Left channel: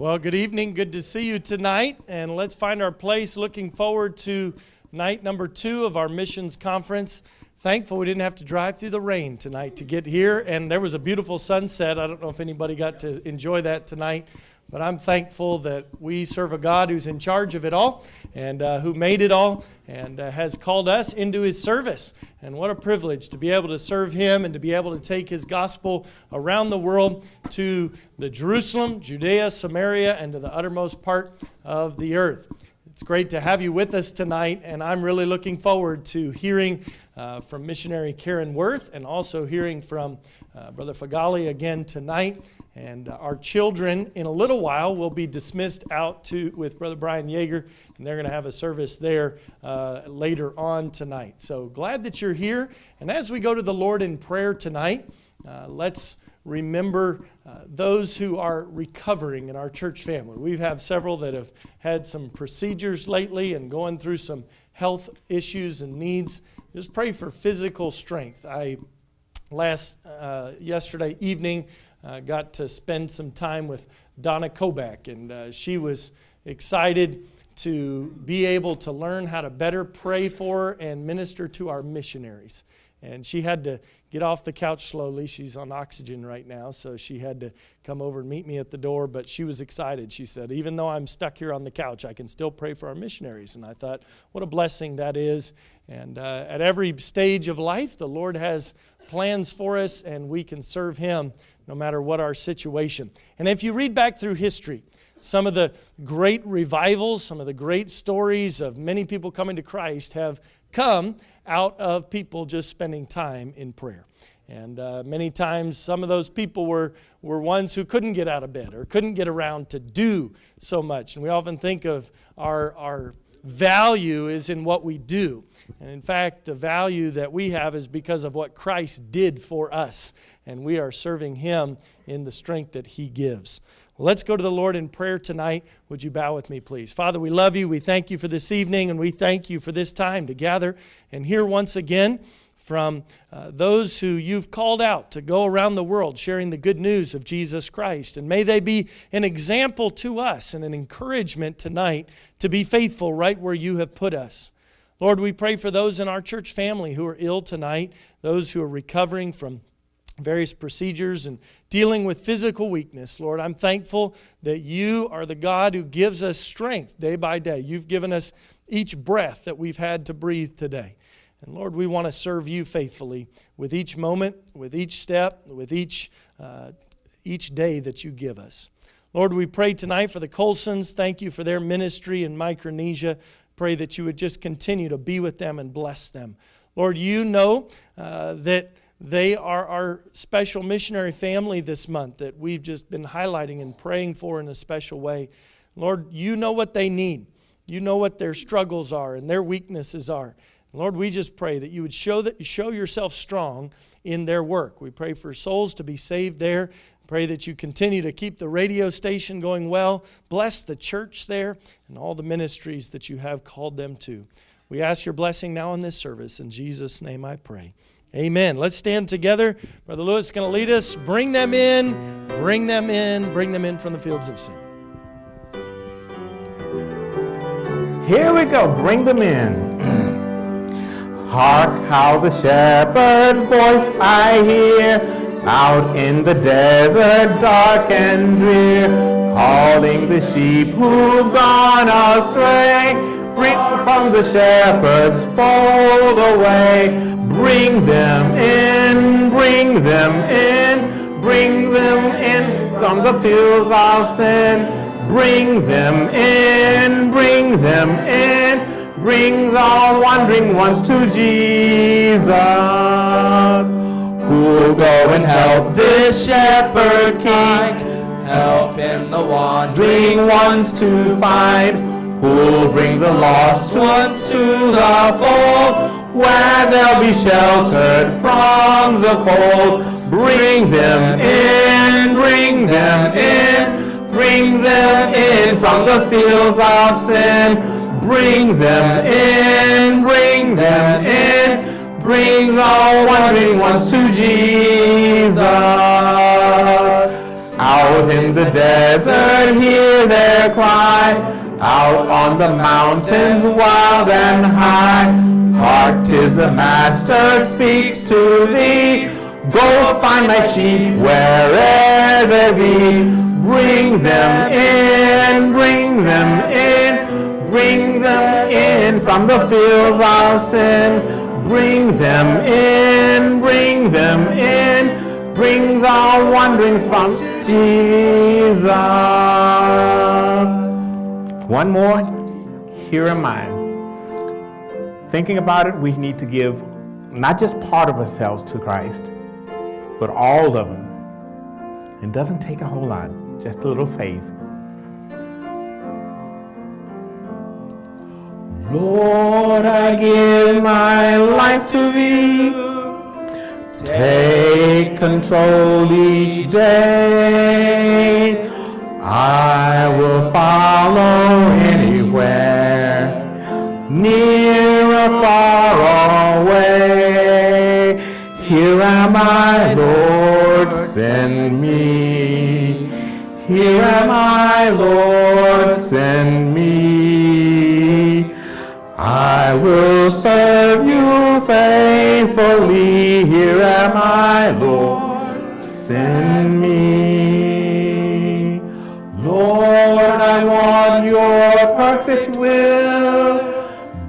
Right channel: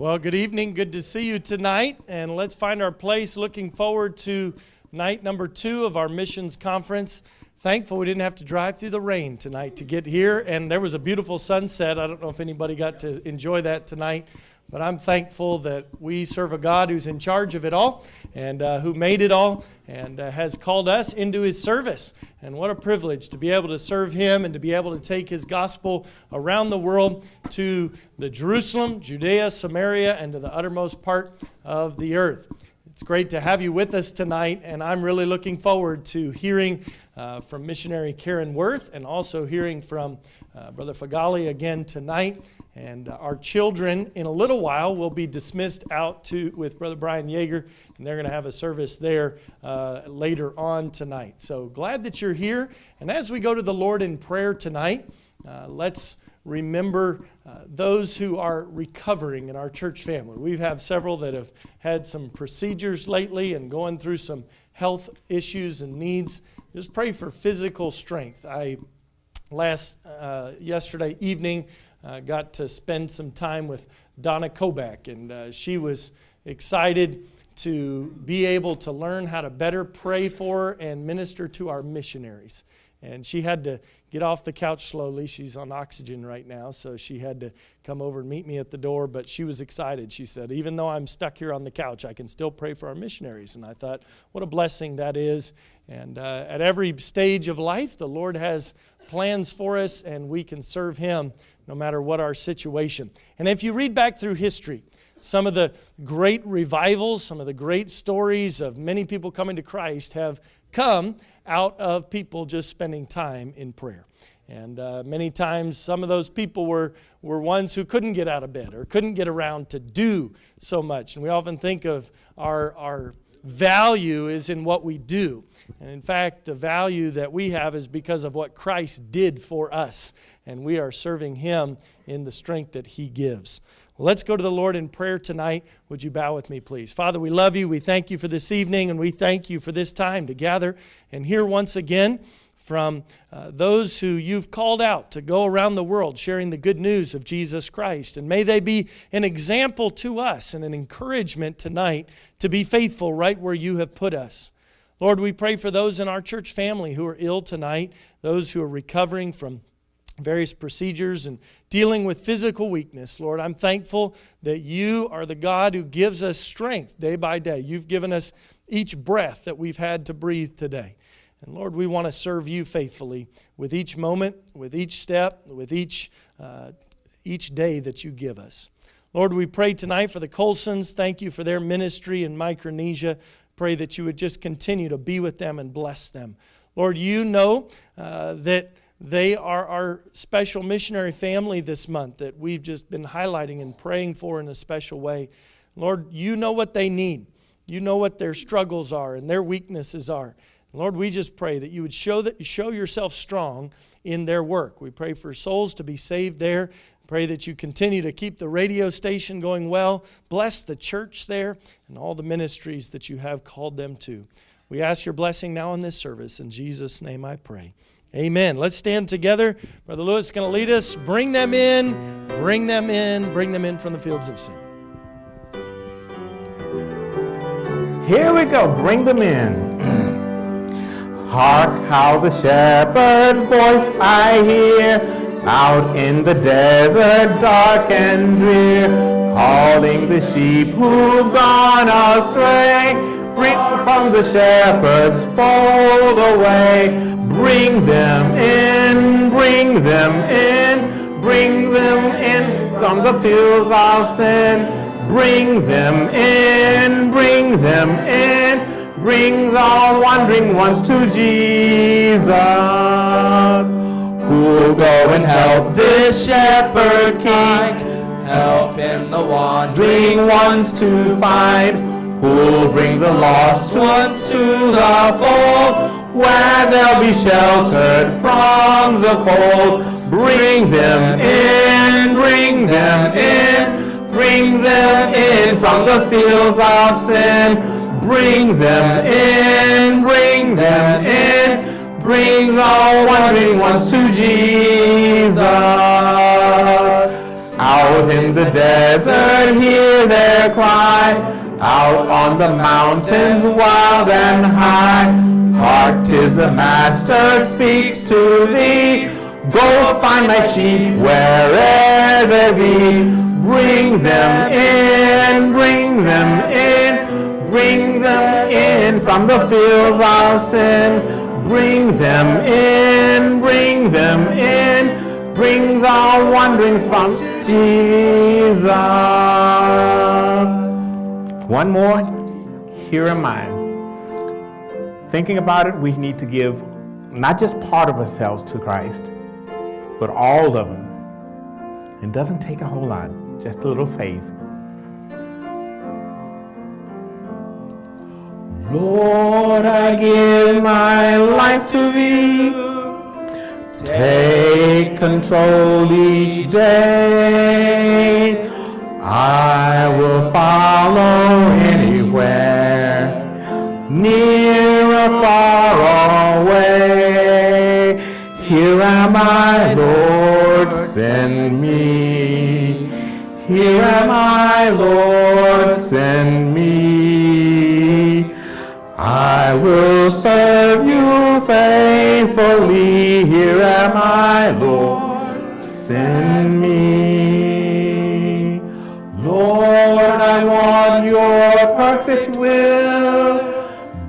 Well, good evening. Good to see you tonight. And let's find our place. Looking forward to night number 2 of our missions conference. Thankful we didn't have to drive through the rain tonight to get here. And there was a beautiful sunset. I don't know if anybody got to enjoy that tonight. But I'm thankful that we serve a God who's in charge of it all and who made it all and has called us into His service. And what a privilege to be able to serve Him and to be able to take His gospel around the world to the Jerusalem, Judea, Samaria, and to the uttermost part of the earth. It's great to have you with us tonight, and I'm really looking forward to hearing from missionary Karen Worth and also hearing from Brother Feghaly again tonight. And our children, in a little while, will be dismissed out with Brother Brian Yeager, and they're going to have a service there later on tonight. So glad that you're here. And as we go to the Lord in prayer tonight, let's remember those who are recovering in our church family. We have several that have had some procedures lately and going through some health issues and needs. Just pray for physical strength. Yesterday evening, got to spend some time with Donna Kobach, and she was excited to be able to learn how to better pray for and minister to our missionaries. And she had to get off the couch slowly. She's on oxygen right now, so she had to come over and meet me at the door, but she was excited. She said, even though I'm stuck here on the couch, I can still pray for our missionaries. And I thought, what a blessing that is. And at every stage of life, the Lord has plans for us, and we can serve Him no matter what our situation. And if you read back through history, some of the great revivals, some of the great stories of many people coming to Christ have come out of people just spending time in prayer. And many times some of those people were ones who couldn't get out of bed or couldn't get around to do so much. And we often think of our value is in what we do. And in fact, the value that we have is because of what Christ did for us. And we are serving Him in the strength that He gives. Well, let's go to the Lord in prayer tonight. Would you bow with me, please? Father, we love You. We thank You for this evening, and we thank You for this time to gather and hear once again from those who You've called out to go around the world sharing the good news of Jesus Christ. And may they be an example to us and an encouragement tonight to be faithful right where You have put us. Lord, we pray for those in our church family who are ill tonight, those who are recovering from various procedures and dealing with physical weakness. Lord, I'm thankful that You are the God who gives us strength day by day. You've given us each breath that we've had to breathe today. And Lord, we want to serve You faithfully with each moment, with each step, with each day that You give us. Lord, we pray tonight for the Colsons. Thank You for their ministry in Micronesia. Pray that You would just continue to be with them and bless them. Lord, You know that they are our special missionary family this month that we've just been highlighting and praying for in a special way. Lord, You know what they need. You know what their struggles are and their weaknesses are. Lord, we just pray that You would show Yourself strong in their work. We pray for souls to be saved there. Pray that You continue to keep the radio station going well. Bless the church there and all the ministries that You have called them to. We ask Your blessing now in this service. In Jesus' name I pray. Amen. Let's stand together. Brother Lewis is going to lead us. Bring them in, bring them in, bring them in from the fields of sin. Here we go. Bring them in. Hark how the shepherd's voice I hear out in the desert dark and drear, calling the sheep who've gone astray. Bring from the shepherd's fold away. Bring them in, bring them in, bring them in from the fields of sin. Bring them in, bring them in, bring the wandering ones to Jesus. Who'll go and help this shepherd king, helping the wandering ones to find. Who'll bring the lost ones to the fold, where they'll be sheltered from the cold. Bring them in, bring them in, bring them in from the fields of sin. Bring them in, bring them in, bring the wandering ones to Jesus. Out in the desert, hear their cry. Out on the mountains, wild and high. Hark, 'tis the Master speaks to thee. Go find my sheep where'er they be. Bring them in, bring them in, bring them in from the fields of sin. Bring them in, bring them in, bring the wanderings from Jesus. One more, here am I. Thinking about it, we need to give not just part of ourselves to Christ, but all of them. It doesn't take a whole lot, just a little faith. Lord, I give my life to thee. Take control each day. I will follow anywhere, near or far away. Here am I, Lord, send me. Here am I, Lord, send me. I will serve you faithfully. Here am I, Lord, send me. Lord, I want your perfect will.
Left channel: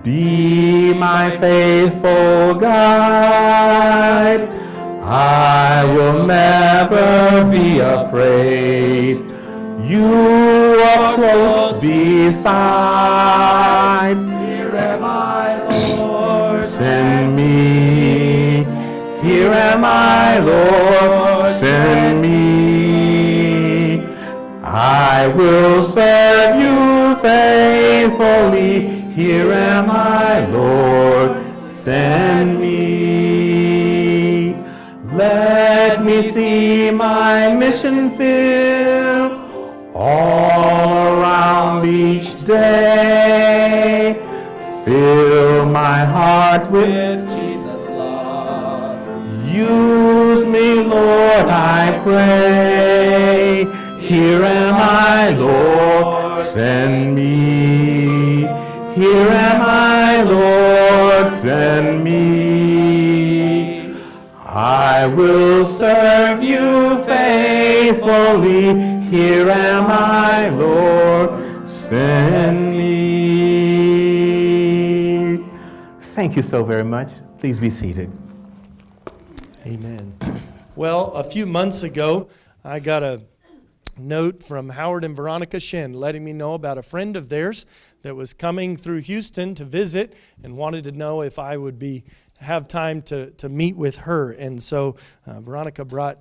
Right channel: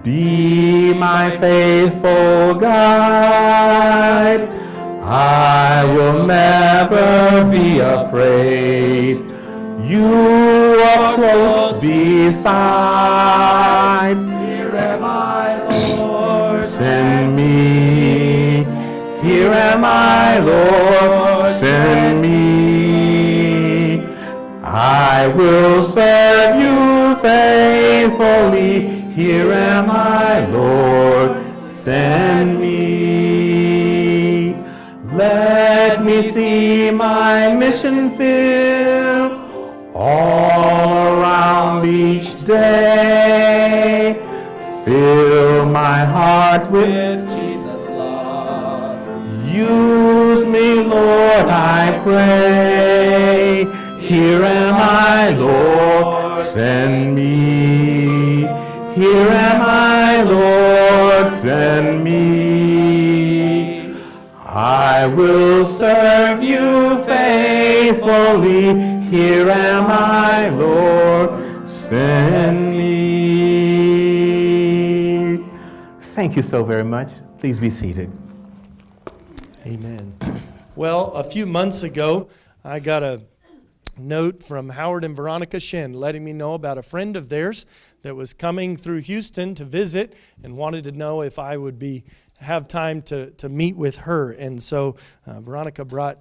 Be my faithful guide. I will never be afraid. You are close beside. Here am I, Lord, send me. Here am I, Lord, send me. I will serve you faithfully. Here am I, Lord, send me. Let me see my mission filled all around each day. Fill my heart with Jesus' love. Use me, Lord, I pray. Here am I, Lord, send me. Here am I, Lord, send me. I will serve you faithfully. Here am I, Lord, send me. Thank you so very much. Please be seated. Amen. Well, a few months ago, I got a note from Howard and Veronica Shin letting me know about a friend of theirs that was coming through Houston to visit and wanted to know if I would have time to meet with her. And so Veronica brought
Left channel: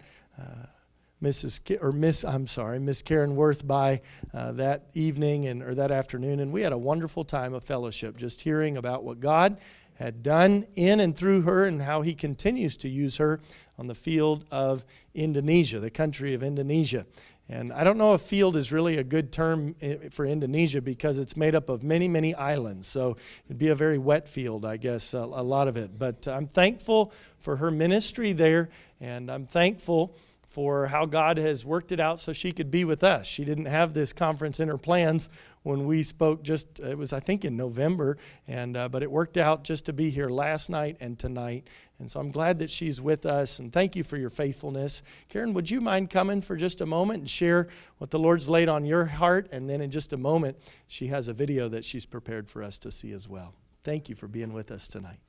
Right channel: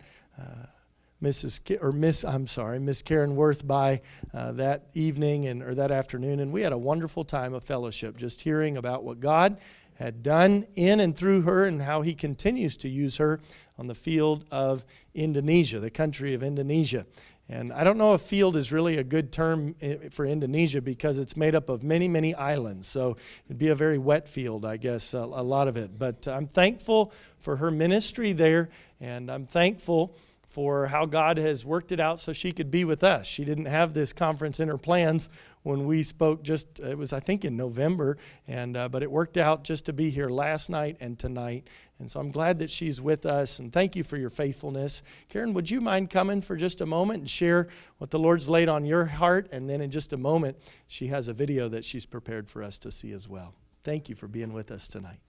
Miss Karen Worth by that evening or that afternoon, and we had a wonderful time of fellowship, just hearing about what God had done in and through her and how He continues to use her on the field of Indonesia, the country of Indonesia. And I don't know if field is really a good term for Indonesia because it's made up of many, many islands. So it'd be a very wet field, I guess, a lot of it. But I'm thankful for her ministry there, and I'm thankful for how God has worked it out so she could be with us. She didn't have this conference in her plans when we spoke it was, I think, in November, but it worked out just to be here last night and tonight. And so I'm glad that she's with us, and thank you for your faithfulness. Karen, would you mind coming for just a moment and share what the Lord's laid on your heart? And then in just a moment, she has a video that she's prepared for us to see as well. Thank you for being with us tonight.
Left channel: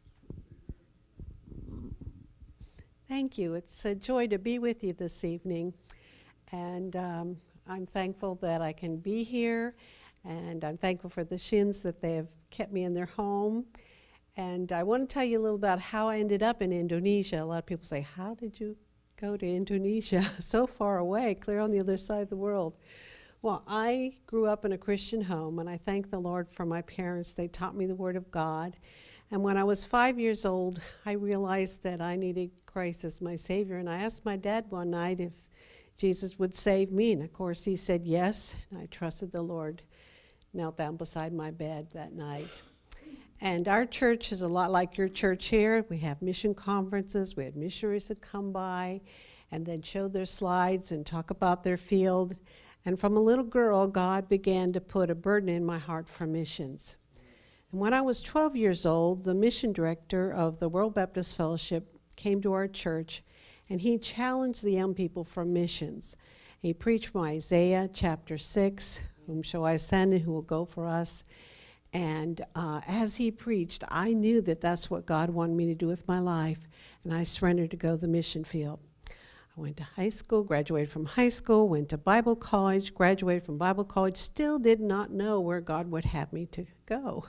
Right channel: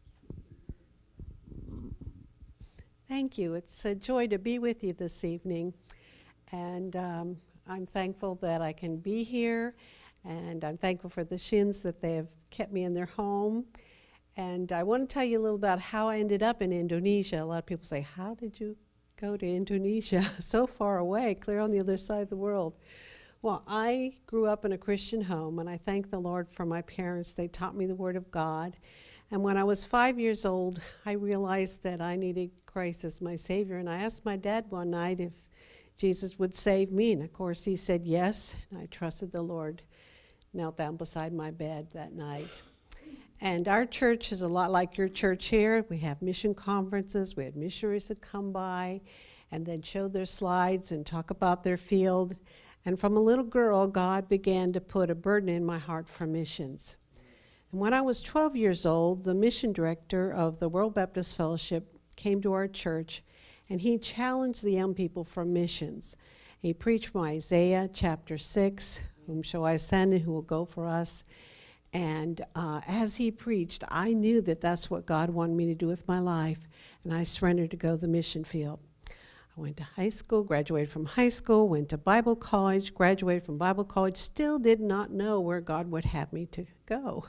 Thank you. It's a joy to be with you this evening. And I'm thankful that I can be here. And I'm thankful for the Shins that they have kept me in their home. And I want to tell you a little about how I ended up in Indonesia. A lot of people say, how did you go to Indonesia? So far away, clear on the other side of the world. Well, I grew up in a Christian home, and I thank the Lord for my parents. They taught me the Word of God. And when I was 5 years old, I realized that I needed Christ as my Savior. And I asked my dad one night if Jesus would save me. And of course, he said yes. And I trusted the Lord. Knelt down beside my bed that night. And our church is a lot like your church here. We have mission conferences. We have missionaries that come by. and then show their slides and talk about their field. And from a little girl, God began to put a burden in my heart for missions. And when I was 12 years old, the mission director of the World Baptist Fellowship came to our church, and he challenged the young people for missions. He preached from Isaiah chapter 6, "Whom shall I send and who will go for us?" And as he preached, I knew that that's what God wanted me to do with my life, and I surrendered to go to the mission field. I went to high school, graduated from high school, went to Bible college, graduated from Bible college, still did not know where God would have me to go.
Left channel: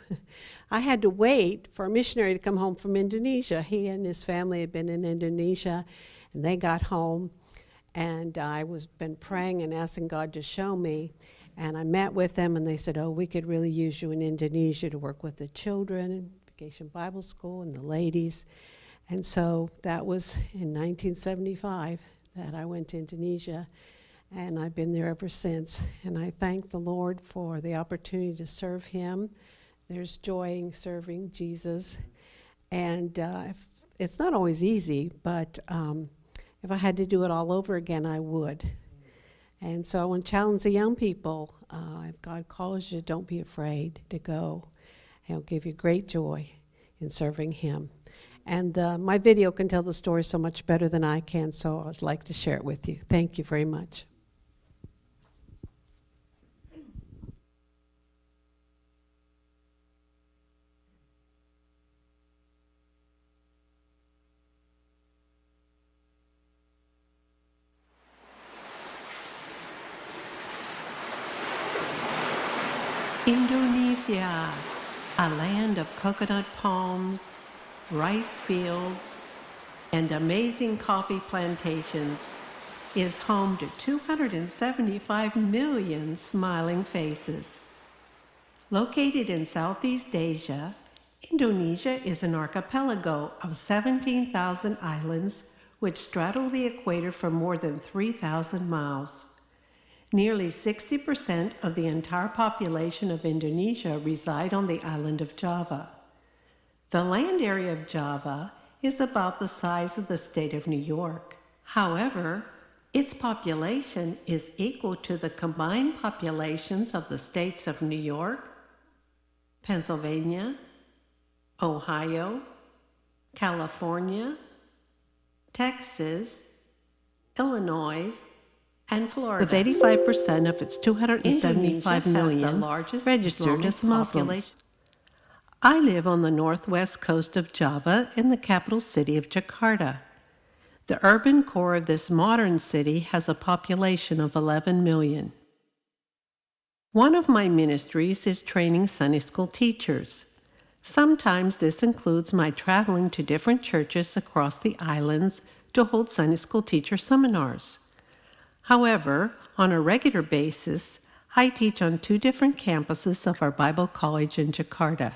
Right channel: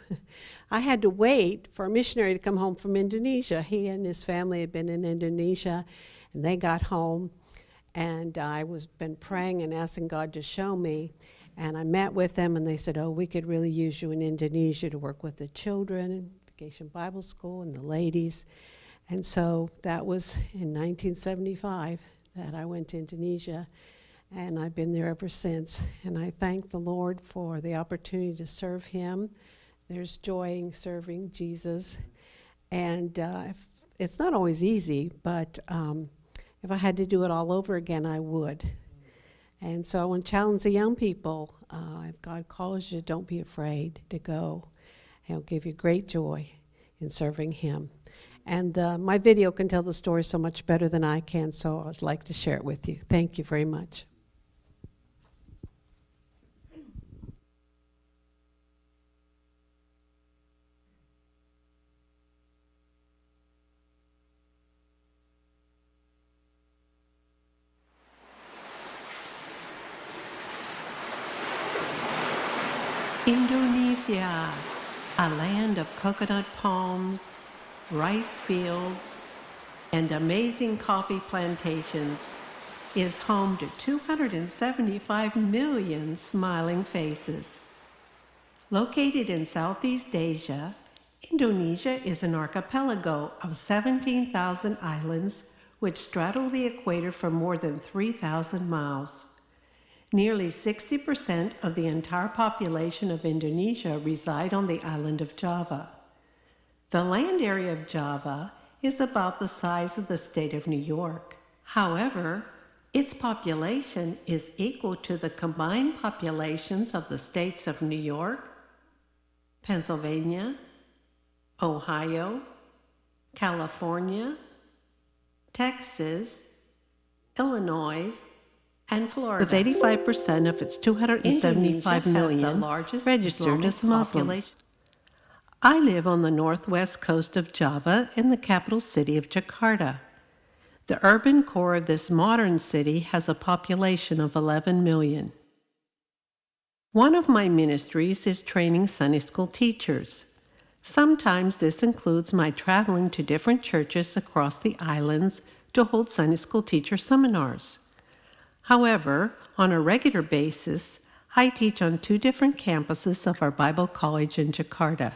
I had to wait for a missionary to come home from Indonesia. He and his family had been in Indonesia, and they got home, and I was been praying and asking God to show me. And I met with them, and they said, "Oh, we could really use you in Indonesia to work with the children in Vacation Bible School and the ladies." And so that was in 1975 that I went to Indonesia, and I've been there ever since. And I thank the Lord for the opportunity to serve him. There's joy in serving Jesus. And it's not always easy, but if I had to do it all over again, I would. And so I want to challenge the young people. If God calls you, don't be afraid to go. He'll give you great joy in serving him. And my video can tell the story so much better than I can, so I'd like to share it with you. Thank you very much. Indonesia, a land of coconut palms, rice fields, and amazing coffee plantations, is home to 275 million smiling faces. Located in Southeast Asia, Indonesia is an archipelago of 17,000 islands which straddle the equator for more than 3,000 miles. Nearly 60% of the entire population of Indonesia reside on the island of Java. The land area of Java is about the size of the state of New York. However, its population is equal to the combined populations of the states of New York, Pennsylvania, Ohio, California, Texas, Illinois, and Florida. With 85% of its 275 million registered as Muslims. I live on the northwest coast of Java in the capital city of Jakarta. The urban core of this modern city has a population of 11 million. One of my ministries is training Sunday school teachers. Sometimes this includes my traveling to different churches across the islands to hold Sunday school teacher seminars. However, on a regular basis, I teach on 2 different campuses of our Bible college in Jakarta.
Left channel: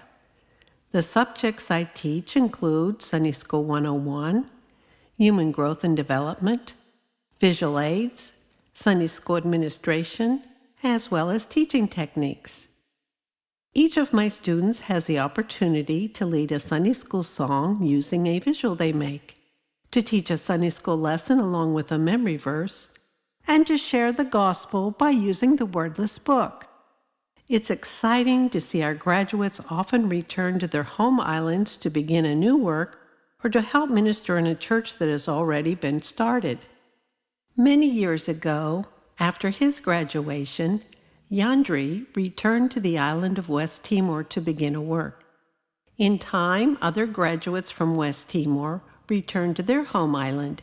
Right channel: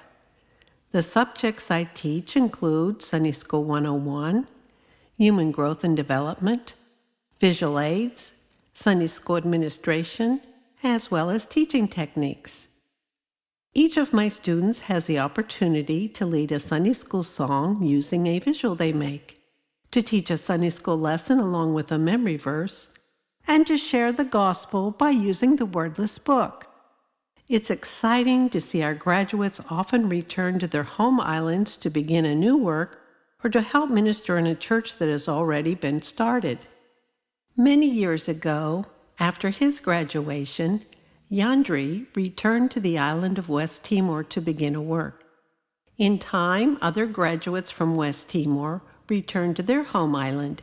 The subjects I teach include Sunday School 101, Human Growth and Development, Visual Aids, Sunday School Administration, as well as teaching techniques. Each of my students has the opportunity to lead a Sunday school song using a visual they make, to teach a Sunday school lesson along with a memory verse, and to share the gospel by using the wordless book. It's exciting to see our graduates often return to their home islands to begin a new work or to help minister in a church that has already been started. Many years ago, after his graduation, Yandri returned to the island of West Timor to begin a work. In time, other graduates from West Timor returned to their home island,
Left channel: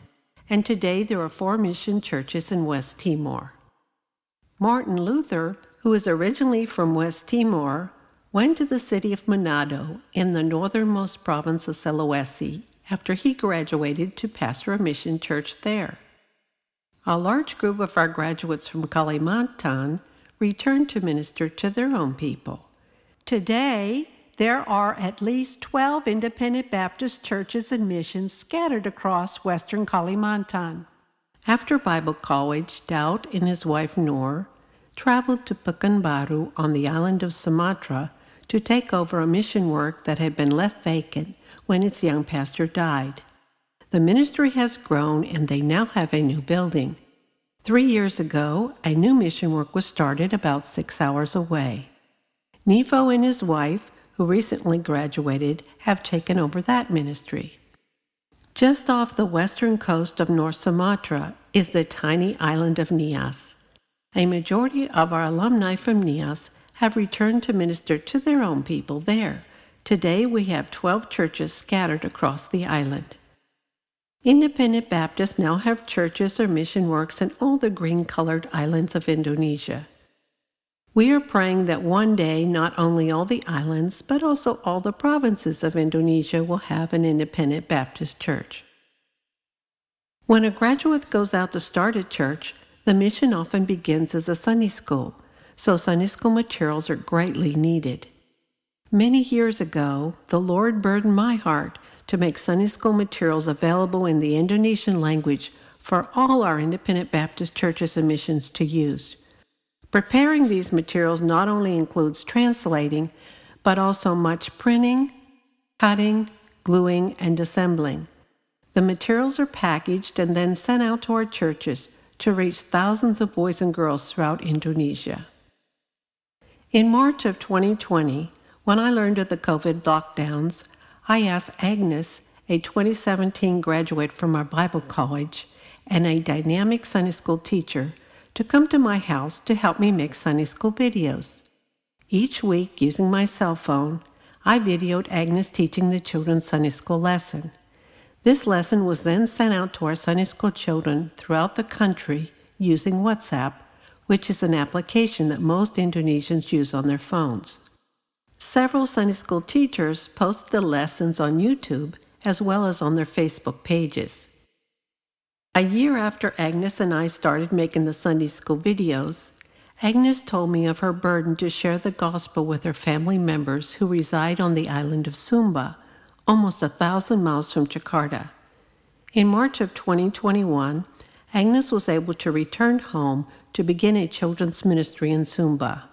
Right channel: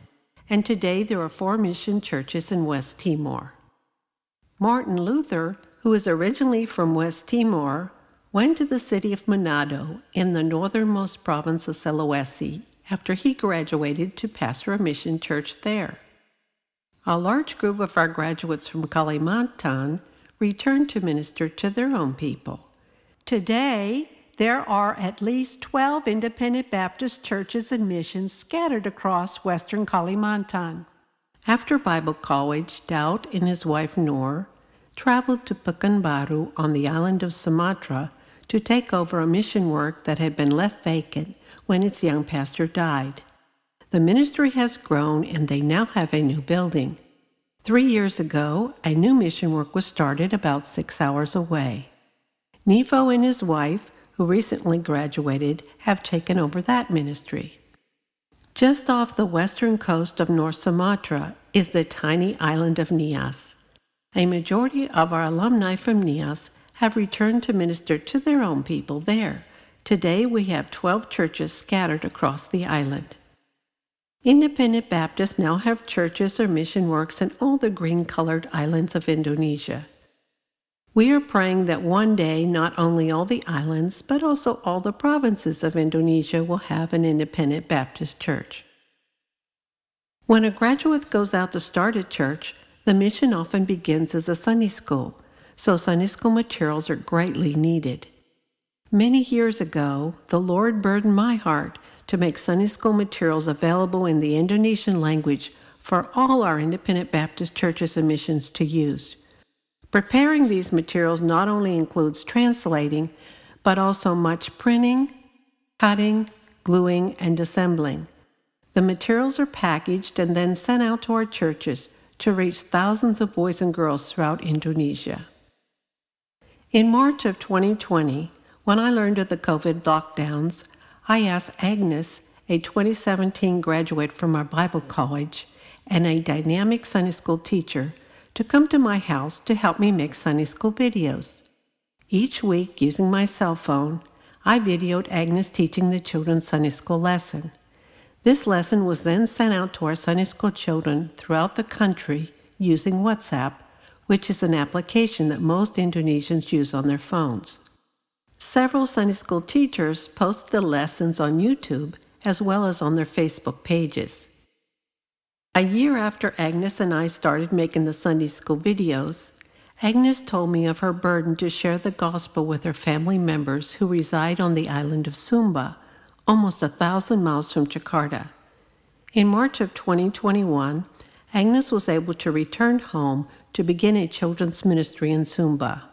and today there are 4 mission churches in West Timor. Martin Luther, who is originally from West Timor, went to the city of Manado in the northernmost province of Sulawesi after he graduated to pastor a mission church there. A large group of our graduates from Kalimantan returned to minister to their own people. Today, there are at least 12 independent Baptist churches and missions scattered across western Kalimantan. After Bible college, Daud and his wife Noor traveled to Pekanbaru on the island of Sumatra to take over a mission work that had been left vacant when its young pastor died. The ministry has grown and they now have a new building. 3 years ago, a new mission work was started about 6 hours away. Nifo and his wife, who recently graduated, have taken over that ministry. Just off the western coast of North Sumatra is the tiny island of Nias. A majority of our alumni from Nias have returned to minister to their own people there. Today we have 12 churches scattered across the island. Independent Baptists now have churches or mission works in all the green-colored islands of Indonesia. We are praying that one day not only all the islands, but also all the provinces of Indonesia will have an independent Baptist church. When a graduate goes out to start a church, the mission often begins as a Sunday school, so Sunday school materials are greatly needed. Many years ago, the Lord burdened my heart to make Sunday school materials available in the Indonesian language for all our independent Baptist churches and missions to use. Preparing these materials not only includes translating, but also much printing, cutting, gluing, and assembling. The materials are packaged and then sent out to our churches to reach thousands of boys and girls throughout Indonesia. In March of 2020, when I learned of the COVID lockdowns, I asked Agnes, a 2017 graduate from our Bible college and a dynamic Sunday school teacher, to come to my house to help me make Sunday school videos. Each week, using my cell phone, I videoed Agnes teaching the children's Sunday school lesson. This lesson was then sent out to our Sunday school children throughout the country using WhatsApp, which is an application that most Indonesians use on their phones. Several Sunday school teachers posted the lessons on YouTube as well as on their Facebook pages. A year after Agnes and I started making the Sunday school videos, Agnes told me of her burden to share the gospel with her family members who reside on the island of Sumba, almost 1,000 miles from Jakarta. In March of 2021, Agnes was able to return home to begin a children's ministry in Sumba.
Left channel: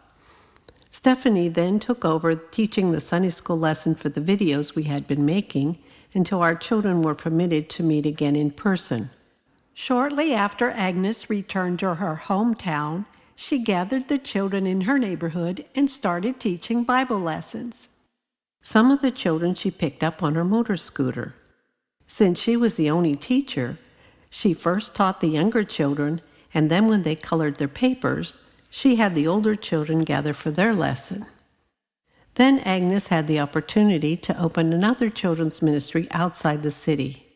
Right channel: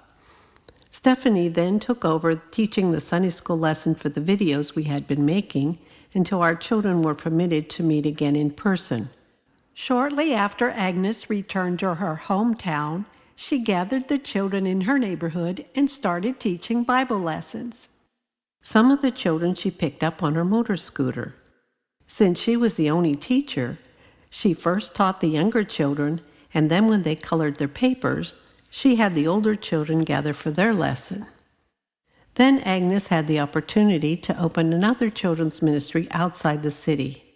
Stephanie then took over teaching the Sunday school lesson for the videos we had been making until our children were permitted to meet again in person. Shortly after Agnes returned to her hometown, she gathered the children in her neighborhood and started teaching Bible lessons. Some of the children she picked up on her motor scooter. Since she was the only teacher, she first taught the younger children, and then when they colored their papers, she had the older children gather for their lesson. Then Agnes had the opportunity to open another children's ministry outside the city.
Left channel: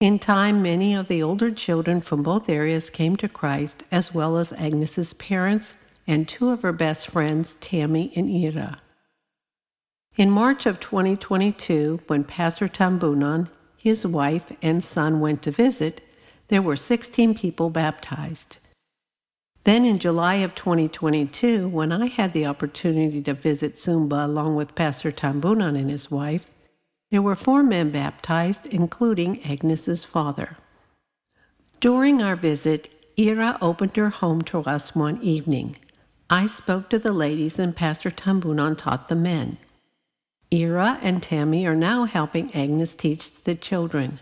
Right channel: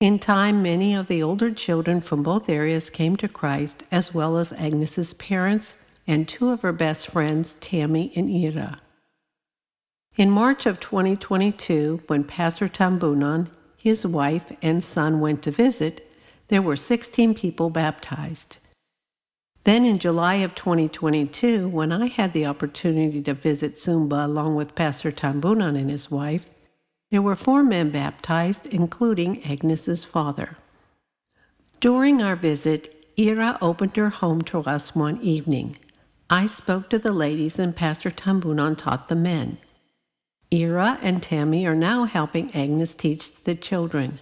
In time, many of the older children from both areas came to Christ, as well as Agnes's parents and 2 of her best friends, Tammy and Ira. In March of 2022, when Pastor Tambunan, his wife, and son went to visit, there were 16 people baptized. Then in July of 2022, when I had the opportunity to visit Sumba along with Pastor Tambunan and his wife, there were 4 men baptized, including Agnes's father. During our visit, Ira opened her home to us one evening. I spoke to the ladies and Pastor Tambunan taught the men. Ira and Tammy are now helping Agnes teach the children,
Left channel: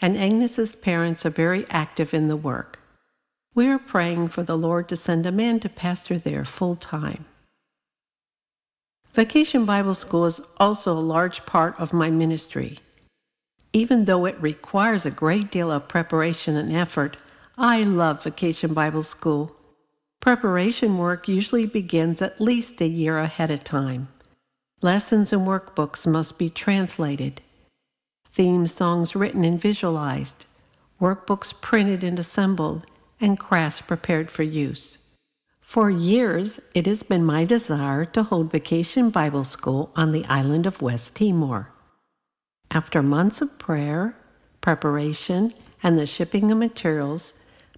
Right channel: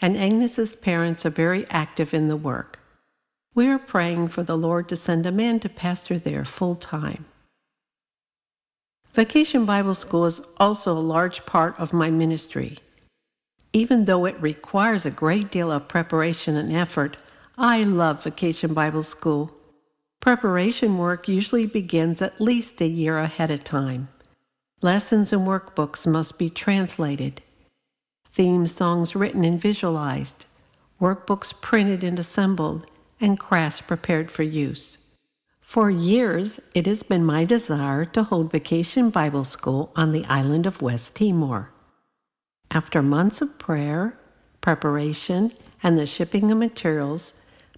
and Agnes's parents are very active in the work. We are praying for the Lord to send a man to pastor there full time. Vacation Bible School is also a large part of my ministry. Even though it requires a great deal of preparation and effort, I love Vacation Bible School. Preparation work usually begins at least a year ahead of time. Lessons and workbooks must be translated, theme songs written and visualized, workbooks printed and assembled, and crafts prepared for use. For years, it has been my desire to hold Vacation Bible School on the island of West Timor. After months of prayer, preparation, and the shipping of materials,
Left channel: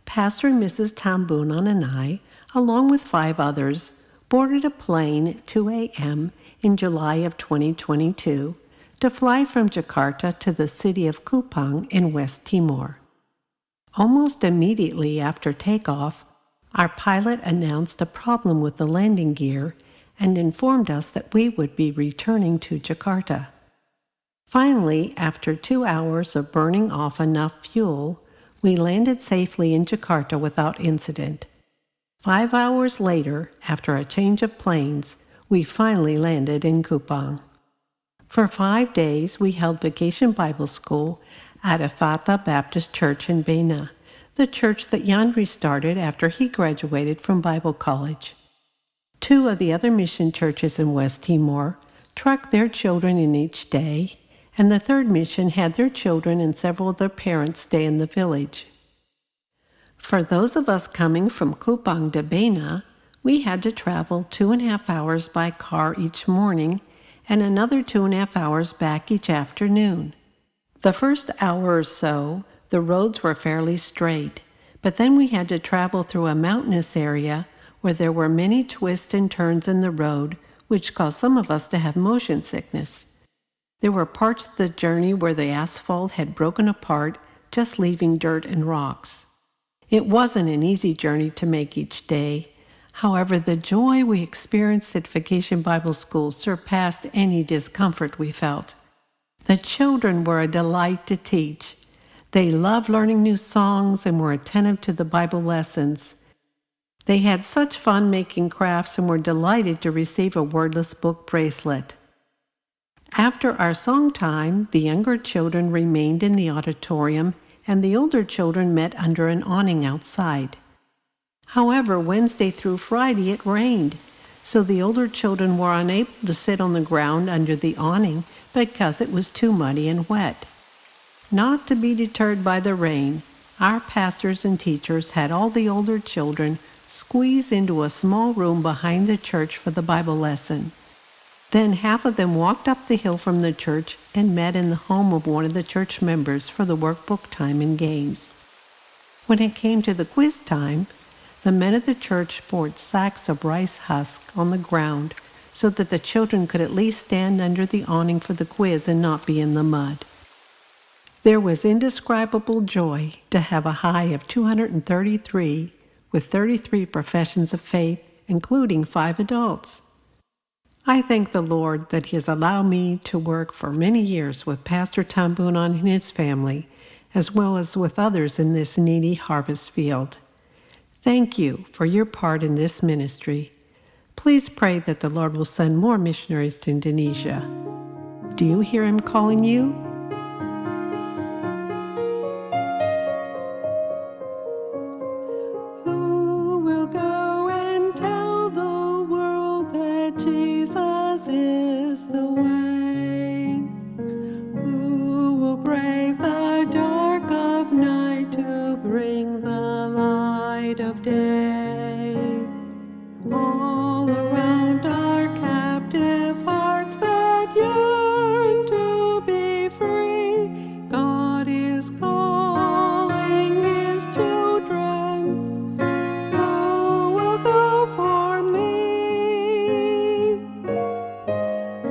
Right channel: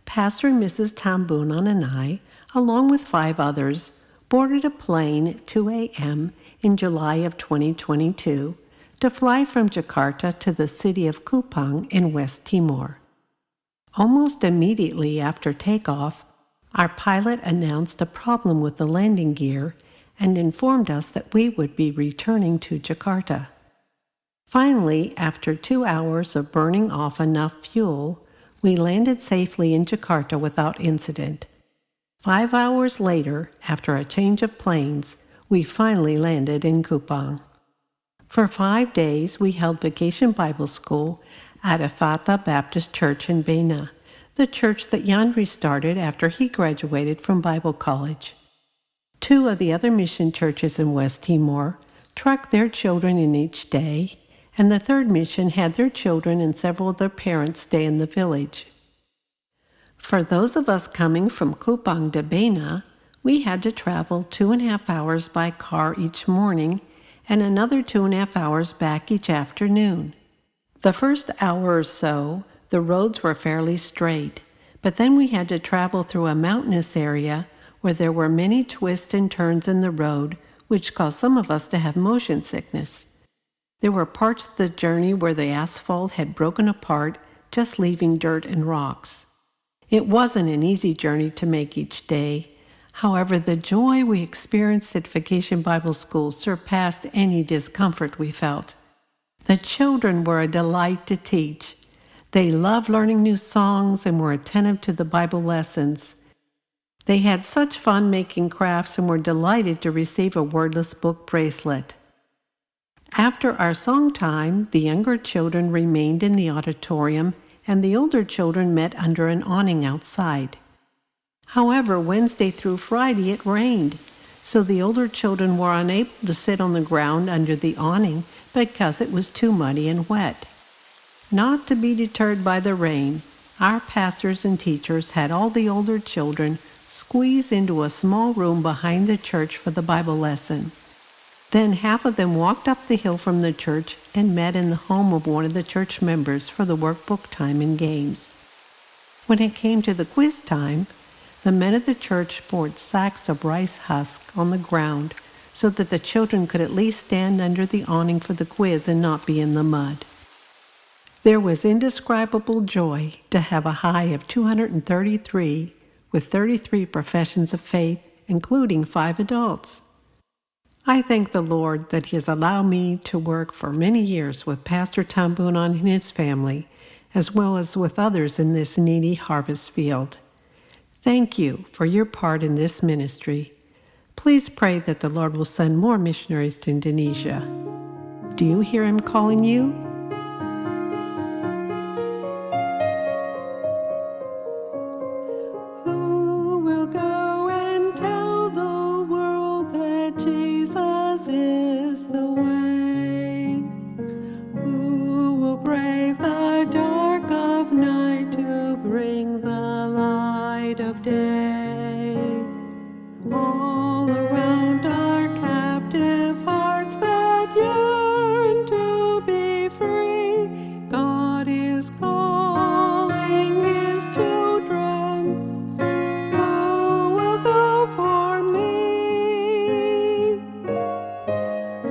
Pastor and Mrs. Tambunan and I, along with 5 others, boarded a plane at 2 a.m. in July of 2022 to fly from Jakarta to the city of Kupang in West Timor. Almost immediately after takeoff, our pilot announced a problem with the landing gear and informed us that we would be returning to Jakarta. Finally, after 2 hours of burning off enough fuel, we landed safely in Jakarta without incident. 5 hours later, after a change of planes, we finally landed in Kupang. For 5 days, we held Vacation Bible School at Efata Baptist Church in Bena, the church that Yandri started after he graduated from Bible college. 2 of the other mission churches in West Timor trucked their children in each day, and the 3rd mission had their children and several of their parents stay in the village. For those of us coming from Kupang to Bena, we had to travel 2.5 hours by car each morning and another 2.5 hours back each afternoon. The first hour or so, the roads were fairly straight, but then we had to travel through a mountainous area where there were many twists and turns in the road, which caused some of us to have motion sickness. There were parts of the journey where the asphalt had broken apart, just leaving dirt and rocks. It wasn't an easy journey to make each day. However, the joy we experienced at Vacation Bible School surpassed any discomfort we felt. The children were a delight to teach. They loved learning new songs and were attentive to the Bible lessons. They had such fun making crafts and were delighted to receive a wordless book bracelet. After our song time, the younger children remained in the auditorium and the older children met under an awning outside. However, Wednesday through Friday it rained, so the older children were unable to sit on the ground under the awning because it was too muddy and wet. Not to be deterred by the rain, our pastors and teachers had all the older children squeeze into a small room behind the church for the Bible lesson. Then half of them walked up the hill from the church and met in the home of one of the church members for the workbook time and games. When it came to the quiz time, the men of the church poured sacks of rice husk on the ground so that the children could at least stand under the awning for the quiz and not be in the mud. There was indescribable joy to have a high of 233 with 33 professions of faith, including 5 adults. I thank the Lord that He has allowed me to work for many years with Pastor Tambunan and his family, as well as with others in this needy harvest field. Thank you for your part in this ministry. Please pray that the Lord will send more missionaries to Indonesia. Do you hear Him calling you? Who will go and tell the world that Jesus is the way? Who will brave the dark of night to bring the light of day? All around are captive hearts that yearn to be free. God is calling His children. Who will go for me?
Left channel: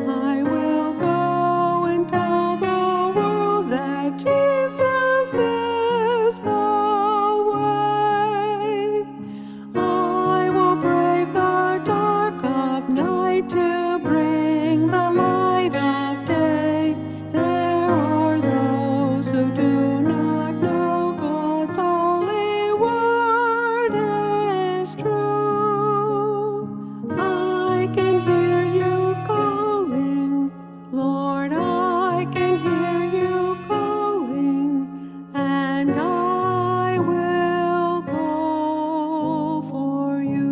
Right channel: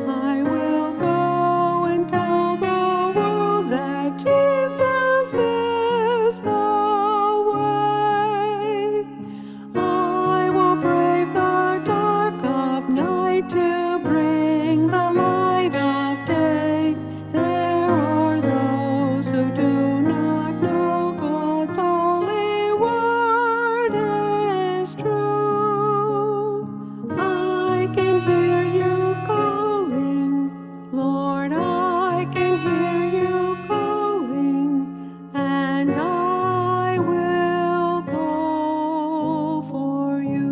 I will go and tell the world that Jesus is the way. I will brave the dark of night to bring the light of day. There are those who do not know God's holy word is true. I can hear you calling, Lord, I can hear you calling, and I will go for you.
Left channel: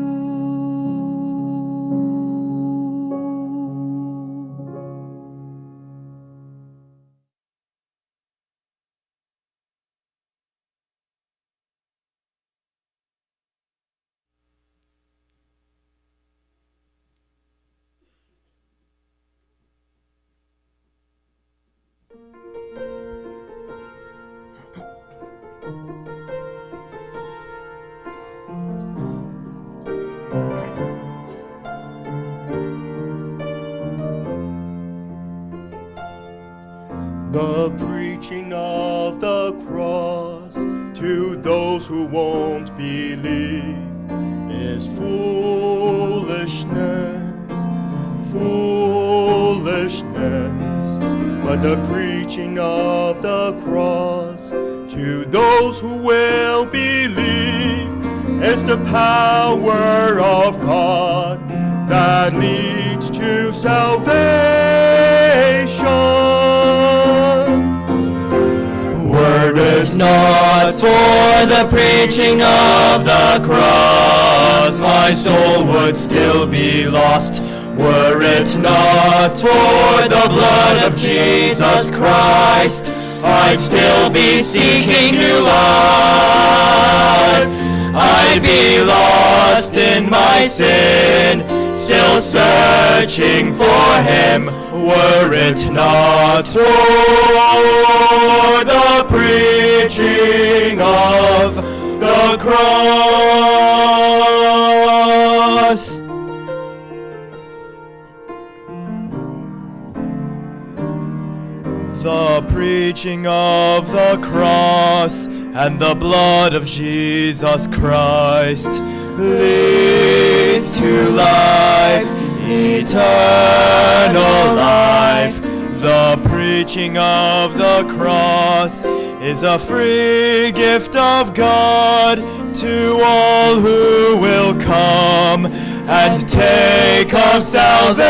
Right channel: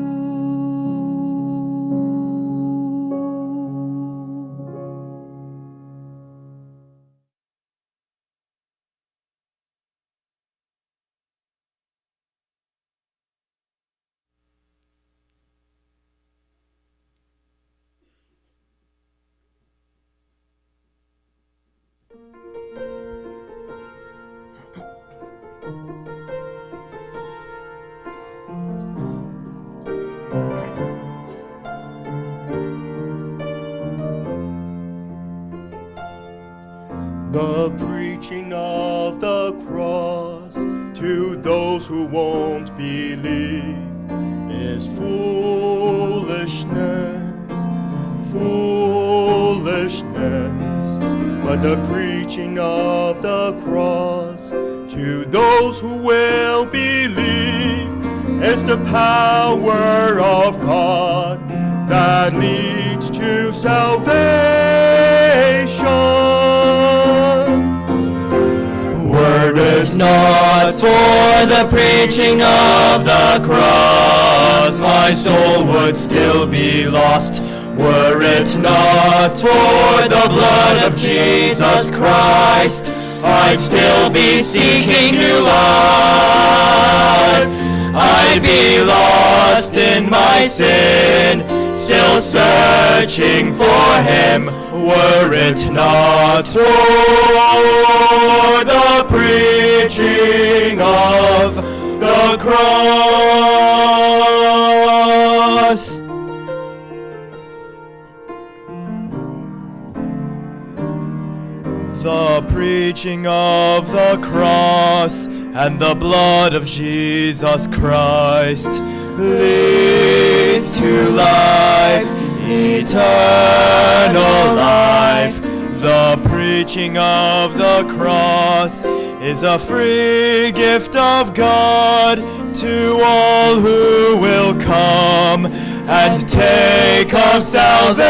The preaching of the cross to those who won't believe is foolishness, foolishness. but the preaching of the cross to those who will believe is the power of God that leads to salvation. Were it not for the preaching of the cross, my soul would still be lost. Were it not for the blood of Jesus Christ, I'd still be seeking new life. I'd be lost in my sin, still searching for him. Were it not for the preaching of the cross. The preaching of the cross and the blood of Jesus Christ leads to life, eternal life. The preaching of the cross is a free gift of God to all who will come and take up salvation.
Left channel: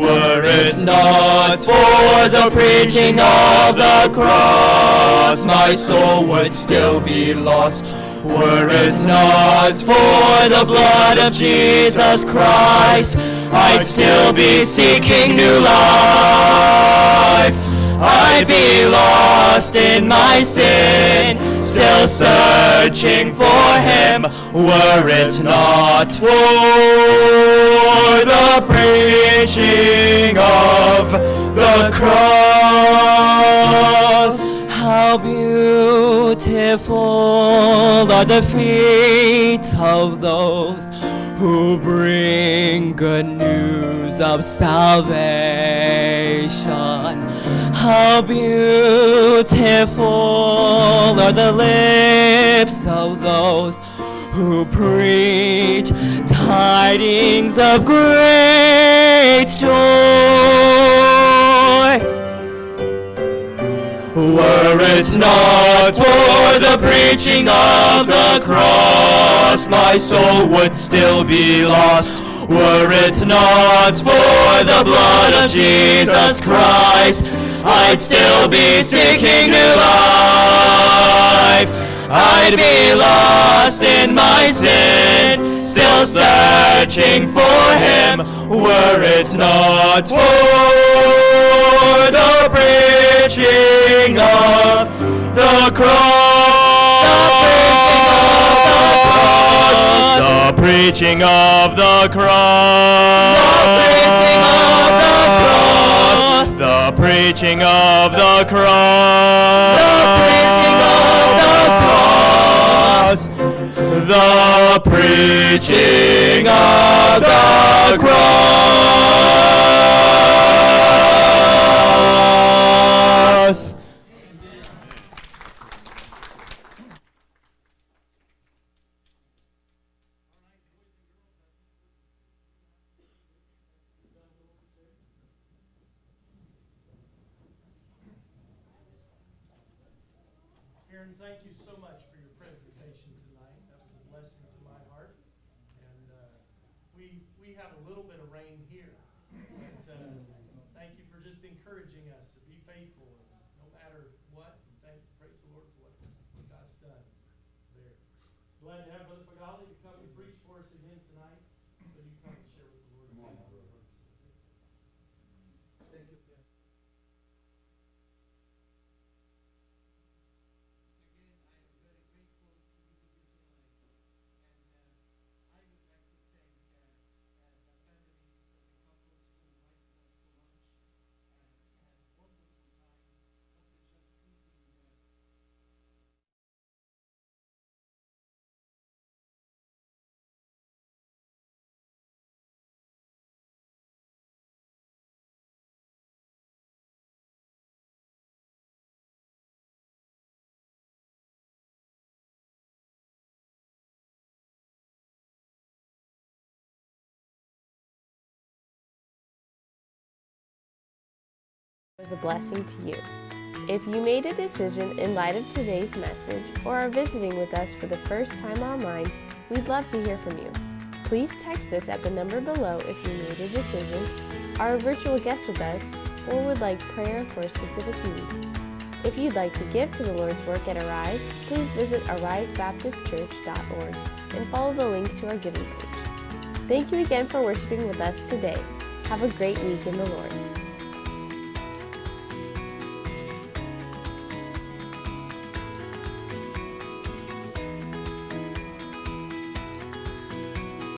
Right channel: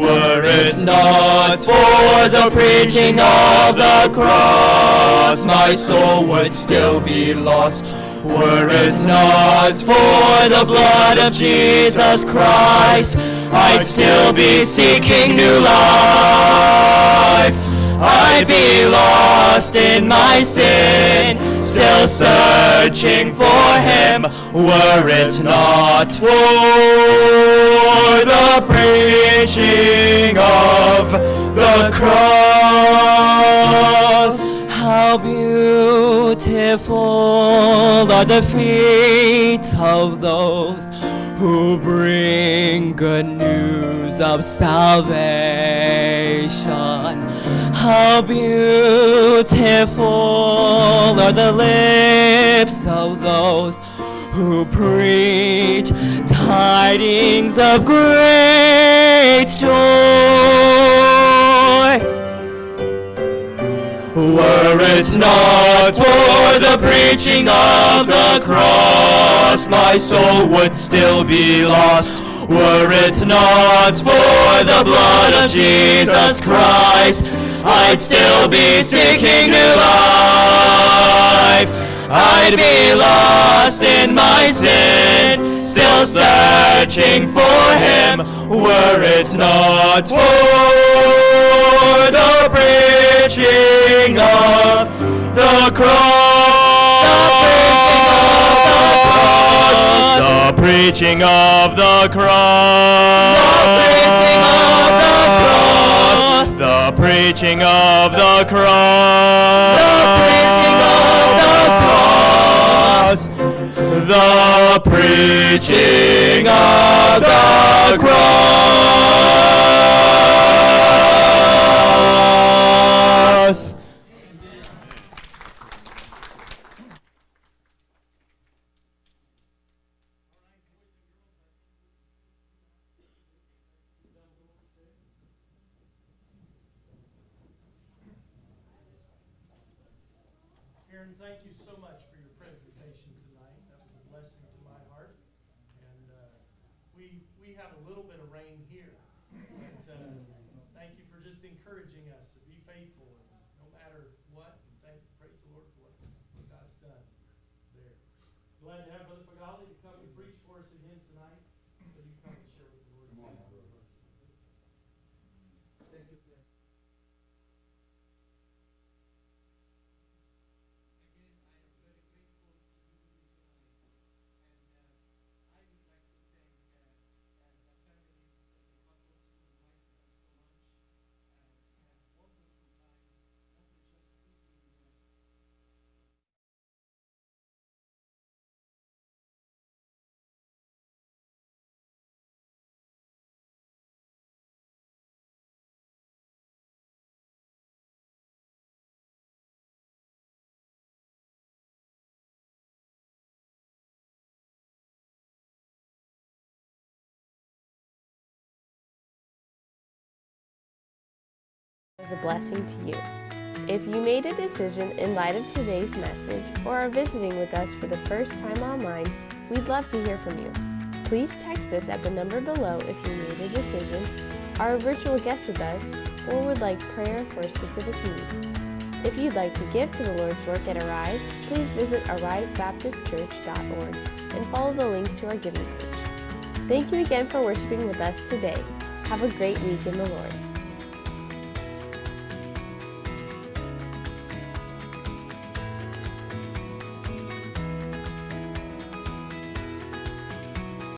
Were it not for the preaching of the cross, my soul would still be lost. Were it not for the blood of Jesus Christ, I'd still be seeking new life. I'd be lost in my sin, still searching for him. Were it not for the preaching of the cross. How beautiful are the feet of those who bring good news of salvation. How beautiful are the lips of those who preach tidings of great joy. Were it not for the preaching of the cross, my soul would still be lost. Were it not for the blood of Jesus Christ, I'd still be seeking new life. I'd be lost in my sin, still searching for him. Were it not for the preaching of the cross, the preaching of the cross, the preaching of the cross, the preaching of the cross. Karen, thank you so much for your presentation tonight. That was a blessing to my heart. And we have a little bit of rain here. But thank you for just encouraging us to be faithful no matter what. And praise the Lord for what God's done there. Glad to have Brother Feghaly to come and preach for us again tonight. So you come and share with the Lord. Thank you. was a blessing to you. If you made a decision in light of today's message or are visiting with us for the first time online, we'd love to hear from you. Please text us at the number below if you made a decision, are a virtual guest with us, or would like prayer for a specific need. If you'd like to give to the Lord's work at Arise, please visit arisebaptistchurch.org and follow the link to our giving page. Thank you again for worshiping with us today. Have a great week in the Lord.